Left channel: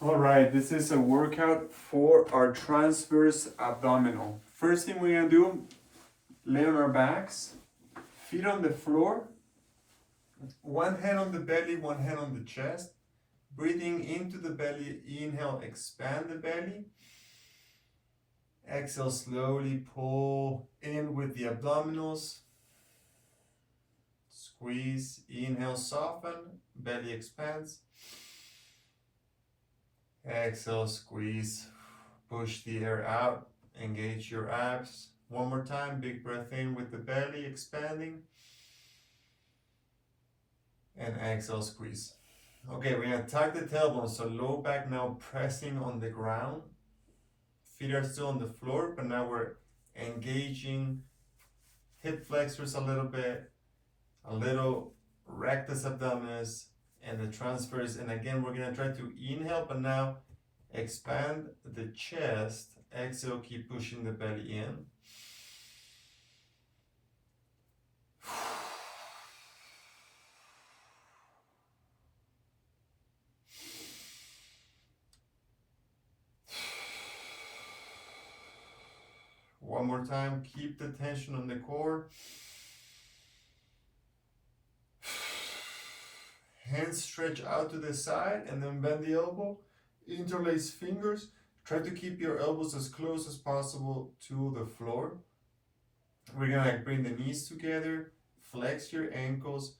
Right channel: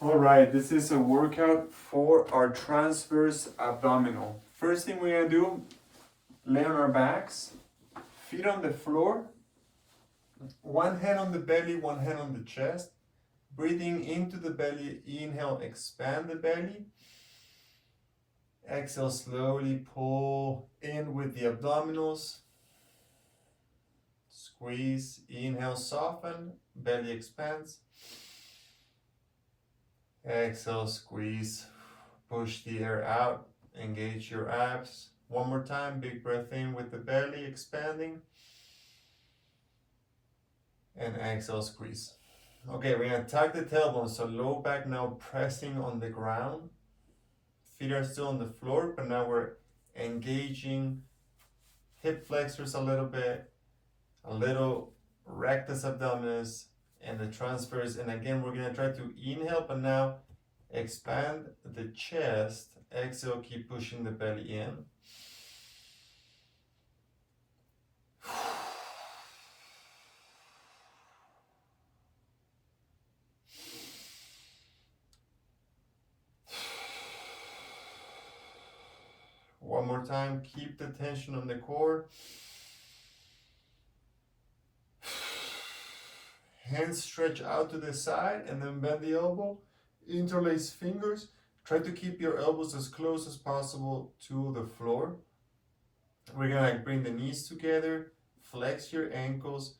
All right, this is a workout for our transverse abdominal. First thing we're gonna do, lay on our backs, feet on the floor, one hand on the belly, one hand on the chest. Breathing into the belly, inhale, expand the belly. Exhale, slowly pull in with the abdominals. Squeeze, inhale, soften, belly expands. Exhale, squeeze, push the air out, engage your abs. One more time, big breath in with the belly expanding. And exhale, squeeze. Okay, we're gonna tuck the tailbone, so low back now pressing on the ground. Feet are still on the floor, but now we're engaging hip flexors a little rectus abdominis, and the transfers. And again, we're gonna try to inhale, but now expand the chest. Exhale, keep pushing the belly in. One more time, keep the tension on the core. Hands stretch out to the side and then bend the elbow. Interlace fingers. Try to keep your elbows as close as possible to the floor. We're gonna bring the knees together, flex your ankles.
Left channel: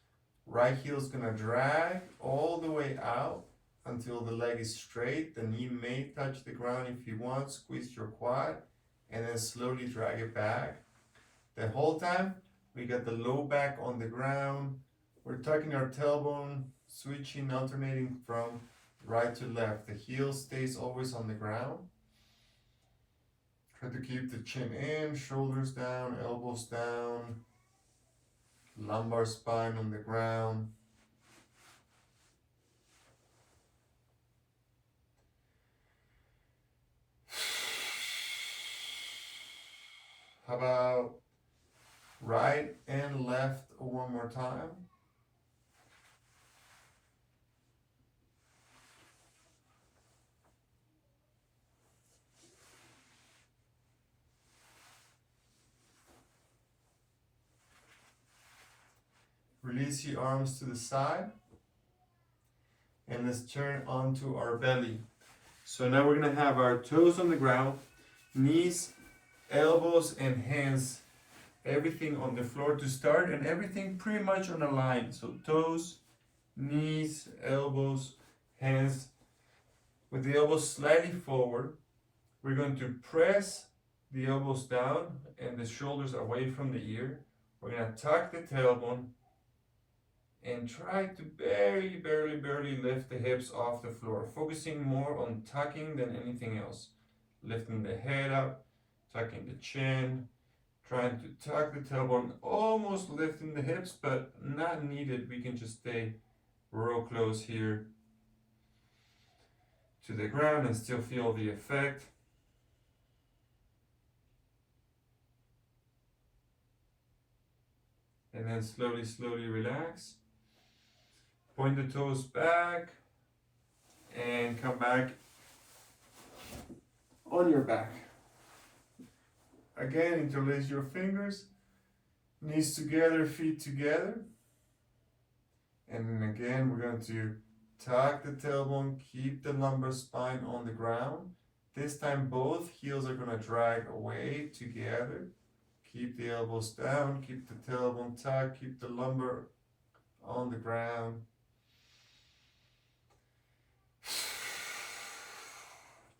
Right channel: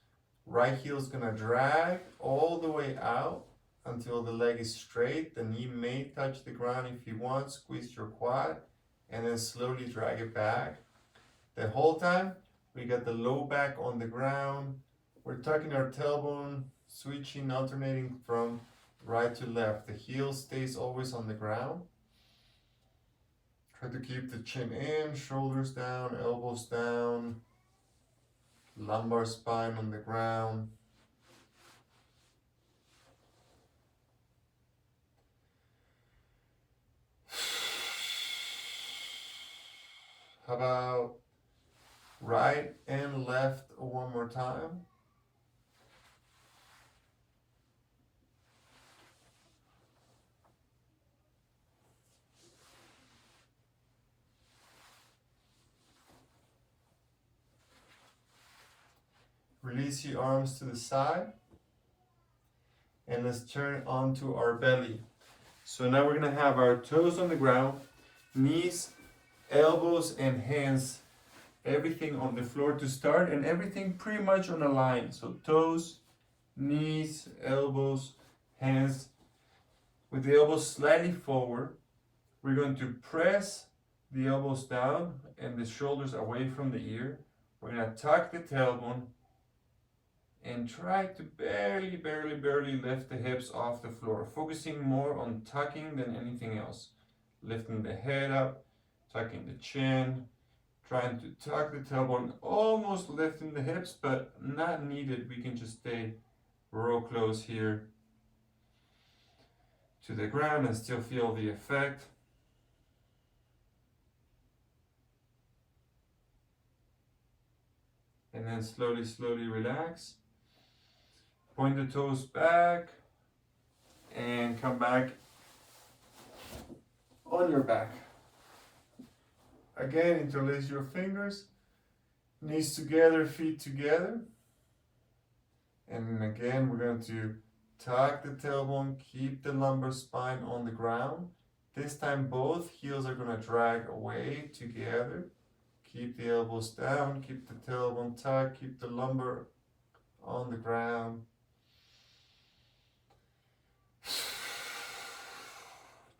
Right heel is gonna drag all the way out until the leg is straight. The knee may touch the ground if you want. Squeeze your quad and then slowly drag it back. The whole time, we got the low back on the ground. We're tucking our tailbone, switching, alternating from right to left. The heel stays always on the ground. Try to keep the chin in, shoulders down, elbows down, lumbar spine on the ground. How about right and left one more time? Release your arms to the side. And let's turn onto our belly. So now we're gonna have our toes on the ground, knees, elbows, and hands, everything on the floor to start, and everything pretty much on a line. So toes, knees, elbows, hands. With the elbows slightly forward, we're going to press the elbows down and the shoulders away from the ear. We're gonna tuck the tailbone and try to barely lift the hips off the floor, focusing more on tucking than anything else. Lifting the head up, tucking the chin, trying to tuck the tailbone, almost lifting the hips, but not needed. We can just stay real close here to the ground and still feel the effect. And then slowly relax. Point the toes back and come back on your back. Again, interlace your fingers, knees together, feet together. And again, we're going to tuck the tailbone, keep the lumbar spine on the ground. This time, both heels are going to drag away together. Keep the elbows down, keep the tailbone tucked, keep the lumbar on the ground.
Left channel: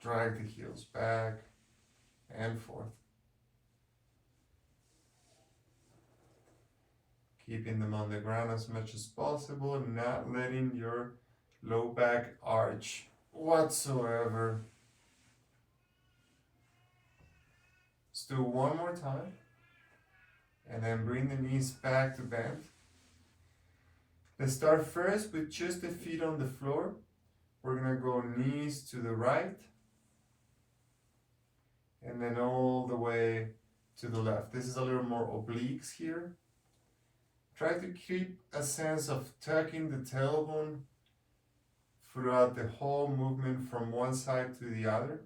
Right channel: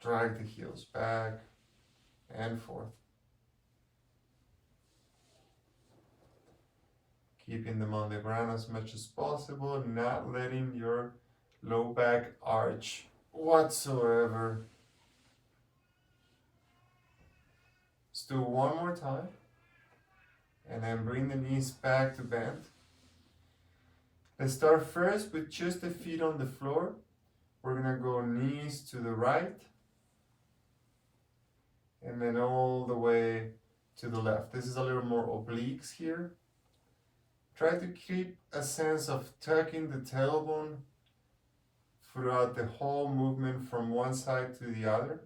Drag the heels back and forth. Keeping them on the ground as much as possible, not letting your low back arch whatsoever. Let's do one more time. And then bring the knees back to bend. Let's start first with just the feet on the floor. We're gonna go knees to the right. And then all the way to the left. This is a little more obliques here. Try to keep a sense of tucking the tailbone, throughout the whole movement from one side to the other.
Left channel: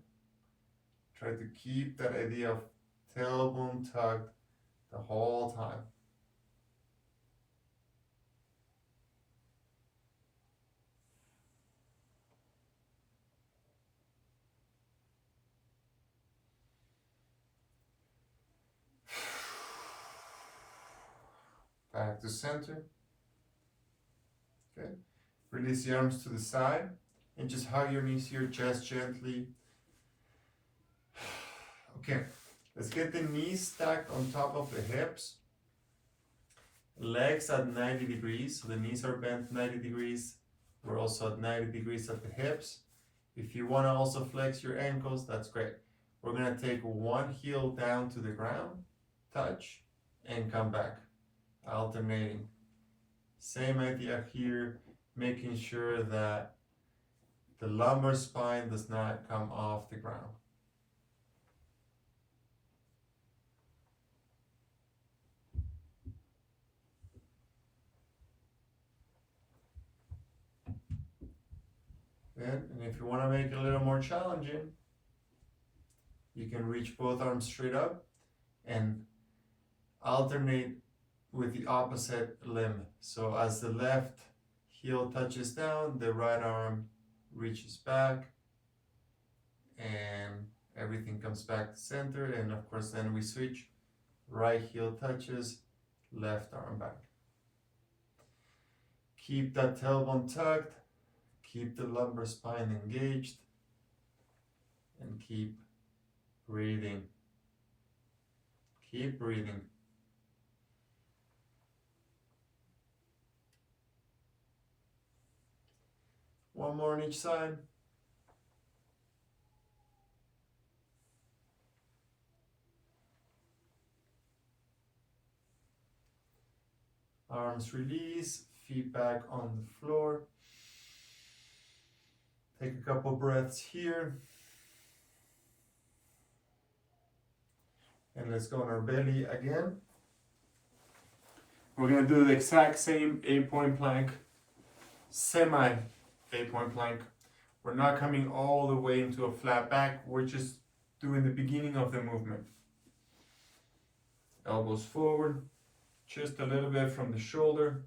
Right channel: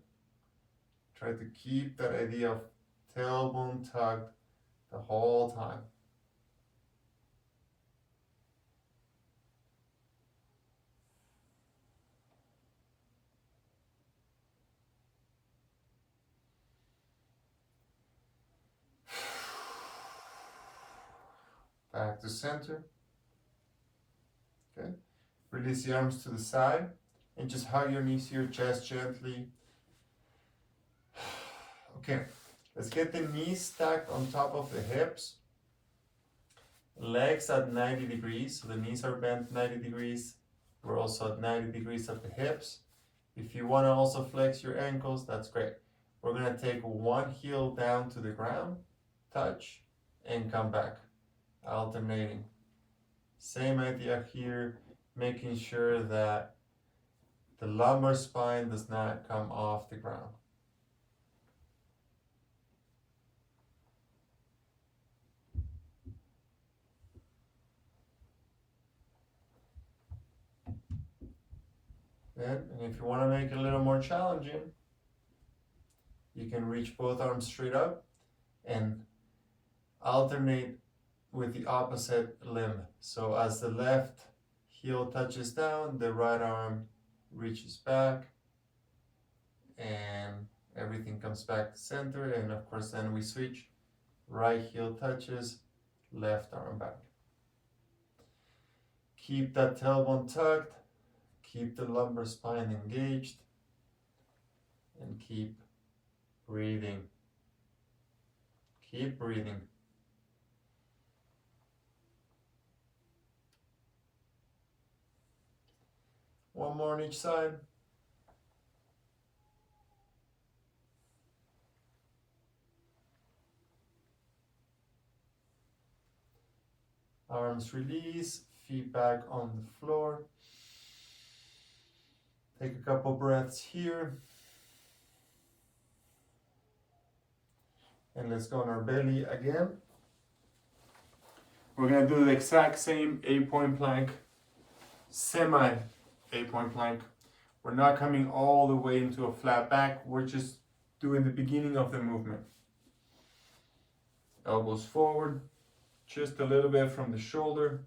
Try to keep that idea of tailbone tucked the whole time. Back to center. Okay. Release the arms to the side and just hug your knees to your chest gently. Okay, let's get the knees stacked on top of the hips. Legs at 90 degrees, so the knees are bent 90 degrees. We're also at 90 degrees at the hips. If you want to also flex your ankles, that's great. We're going to take one heel down to the ground, touch, and come back, alternating. Same idea here, making sure that the lumbar spine does not come off the ground. And if you want to make it a little more challenging, you can reach both arms straight up and alternate with the opposite limb. So as the left heel touches down, the right arm reaches back and everything comes back to center. And of course, then we switch. Right heel touches, left arm back. Keep that tailbone tucked, keep the lumbar spine engaged, and keep breathing. Keep breathing. One more on each side. Arms release, feet back on the floor. Take a couple breaths here. And let's go on our belly again. We're gonna do the exact same 8-point plank, semi 8-point plank. We're not coming all the way into a flat back. We're just doing the beginning of the movement. Elbows forward, just a little bit from the shoulder.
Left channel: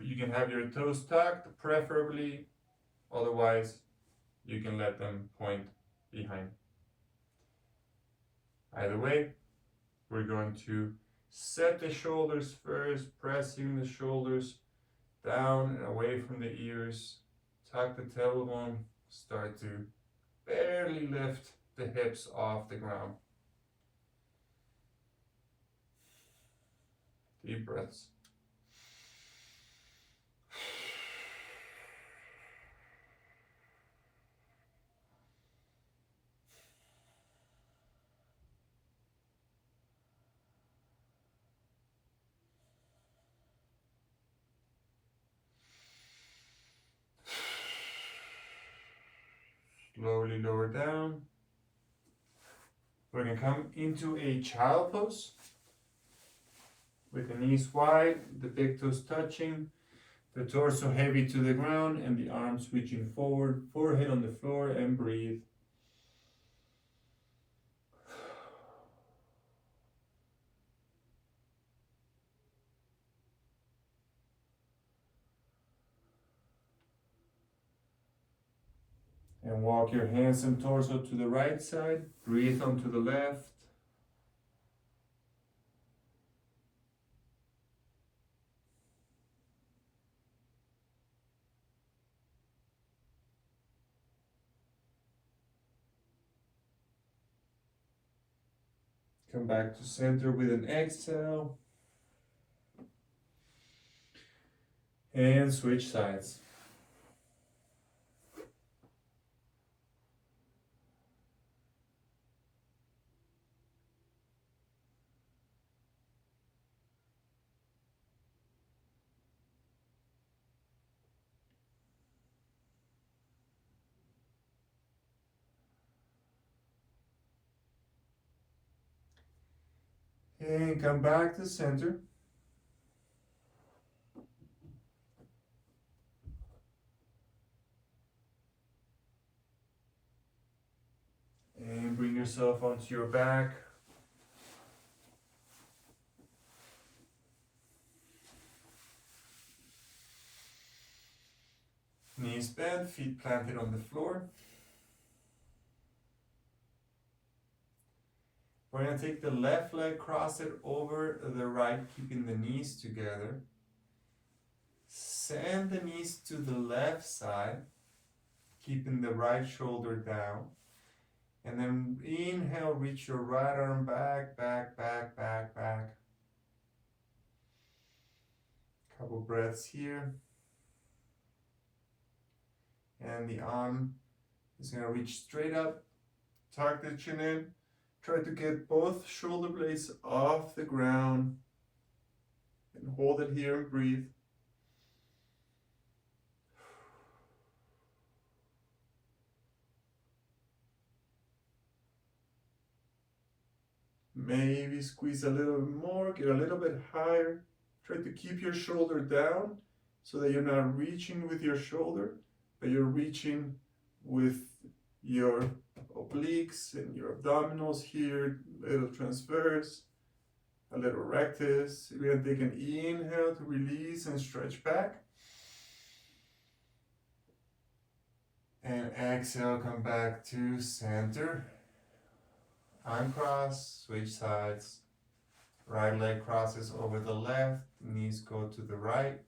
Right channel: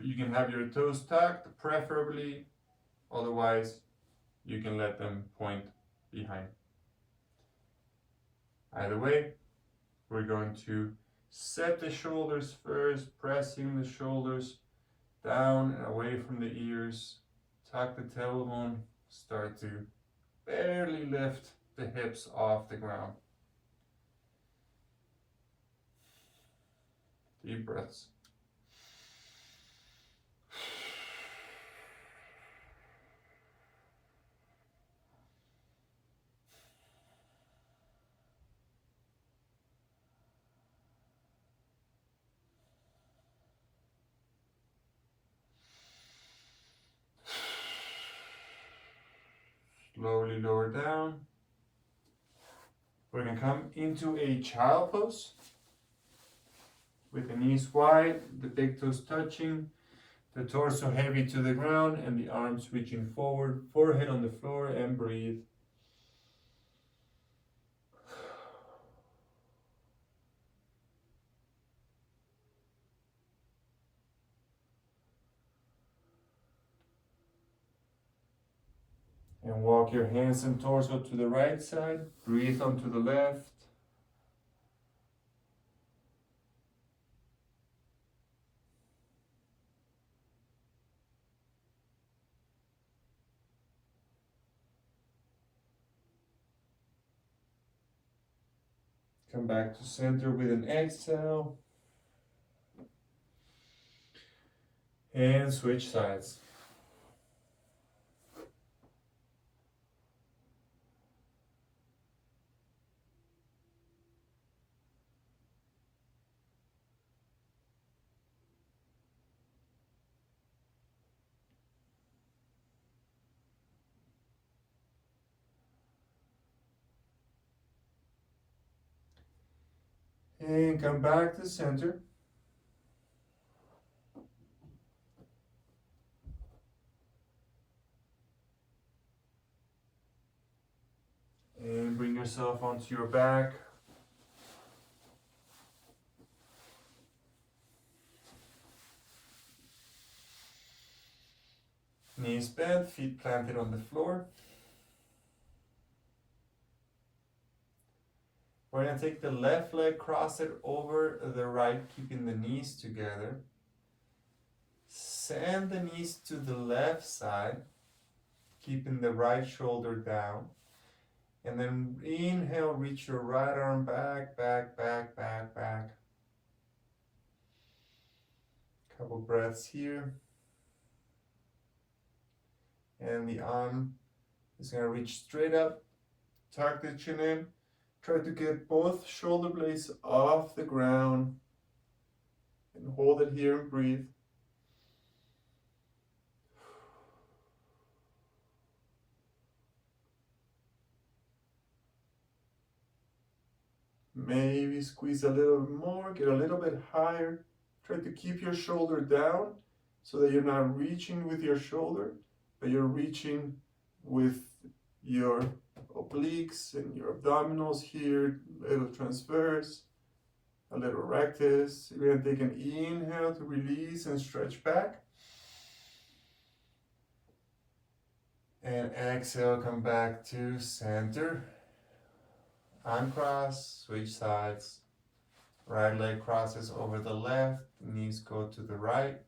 You can have your toes tucked, preferably. Otherwise, you can let them point behind. Either way, we're going to set the shoulders first, pressing the shoulders down and away from the ears. Tuck the tailbone, start to barely lift the hips off the ground. Deep breaths. Slowly lower down. We're going to come into a child pose with the knees wide, the big toes touching, the torso heavy to the ground, and the arms reaching forward, forehead on the floor, and breathe. And walk your hands and torso to the right side. Breathe onto the left. Come back to center with an exhale. And switch sides. And come back to center. yourself onto your back. Knees bent, feet planted on the floor. We're going to take the left leg, cross it over the right, keeping the knees together. Send the knees to the left side, keeping the right shoulder down. And then inhale, reach your right arm back, back, back, back, back. Couple breaths here. And the arm is going to reach straight up, tuck the chin in. Try to get both shoulder blades off the ground and hold it here and breathe. Maybe squeeze a little bit more, get a little bit higher. Try to keep your shoulder down so that you're not reaching with your shoulder, but you're reaching with your obliques and your abdominals here, a little transverse, a little rectus. We're going to take an inhale to release and stretch back. And exhale, come back to center. Uncross, switch sides. Right leg crosses over the left, knees go to the right.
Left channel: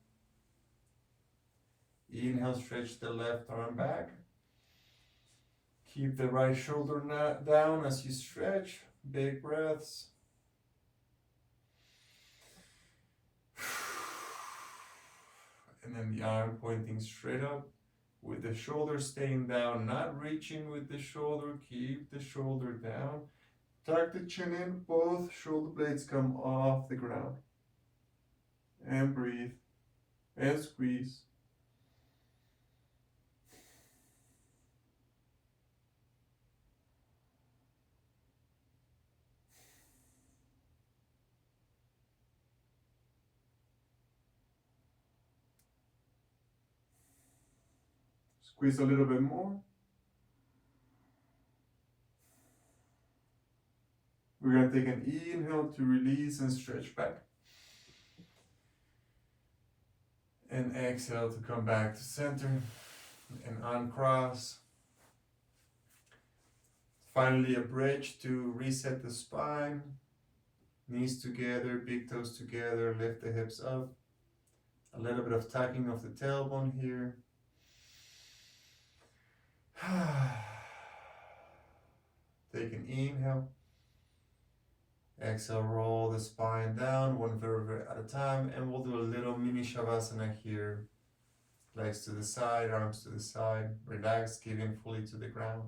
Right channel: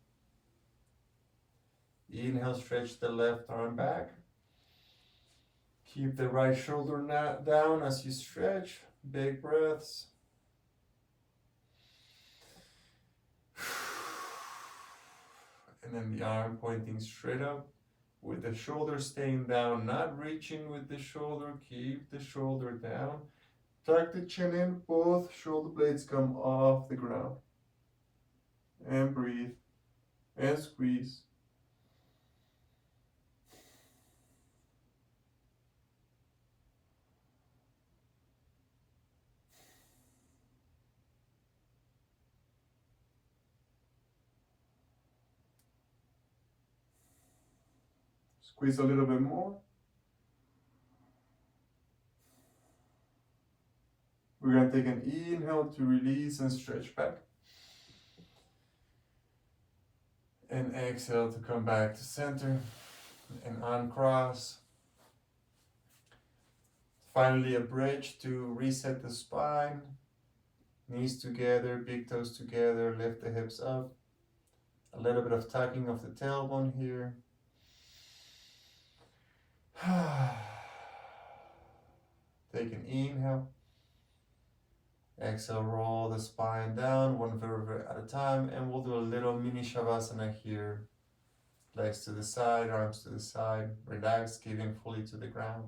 Inhale, stretch the left arm back. Keep the right shoulder down as you stretch. Big breaths. And then the arm pointing straight up with the shoulder staying down, not reaching with the shoulder. Keep the shoulder down. Tuck the chin in, both shoulder blades come off the ground. And breathe. And squeeze. Squeeze a little bit more. We're going to take an inhale to release and stretch back. And exhale to come back to center and uncross. Finally, a bridge to reset the spine. Knees together, big toes together, lift the hips up. A little bit of tucking of the tailbone here. Take an inhale. Exhale, roll the spine down, one vertebra at a time, and we'll do a little mini shavasana here. Legs to the side, arms to the side. Relax, give in fully to the ground.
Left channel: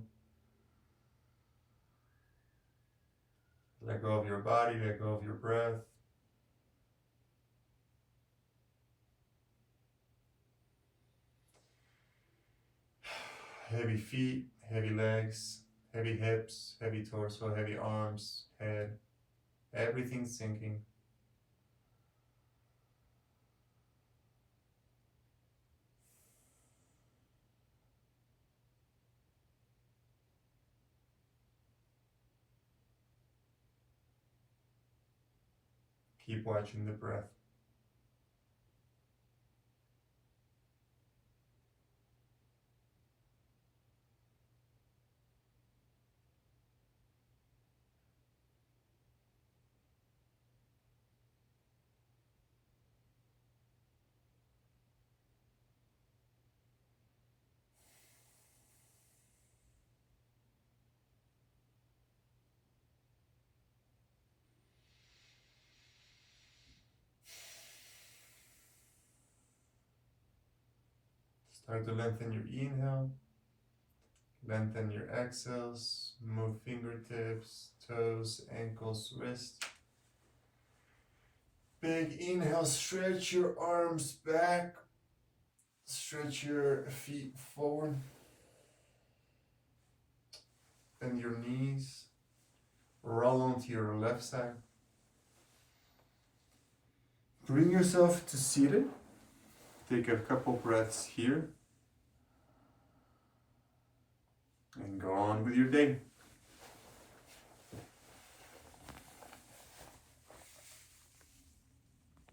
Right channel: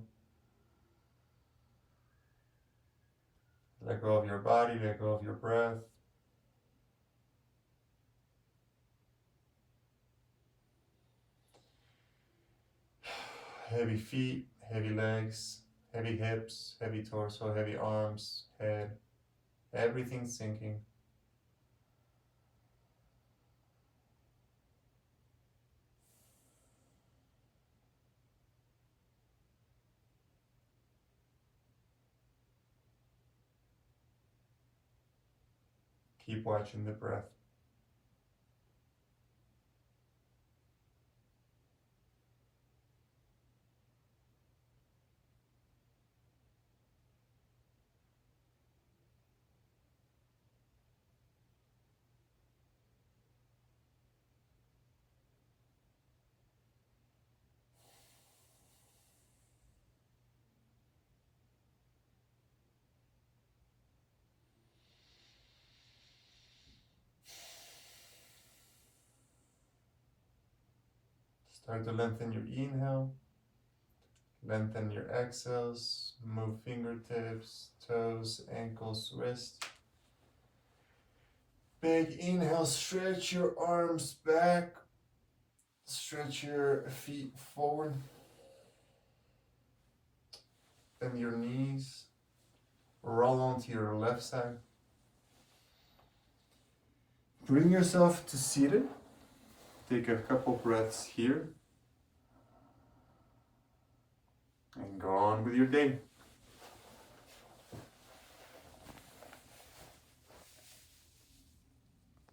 Let go of your body, let go of your breath. Heavy feet, heavy legs, heavy hips, heavy torso, heavy arms, head, everything sinking. Keep watching the breath. Start to lengthen your inhale, lengthen your exhales, move fingertips, toes, ankles, wrists. Big inhale, stretch your arms back, stretch your feet forward, bend your knees, roll onto your left side. Bring yourself to seated. Take a couple breaths here and go on with your day.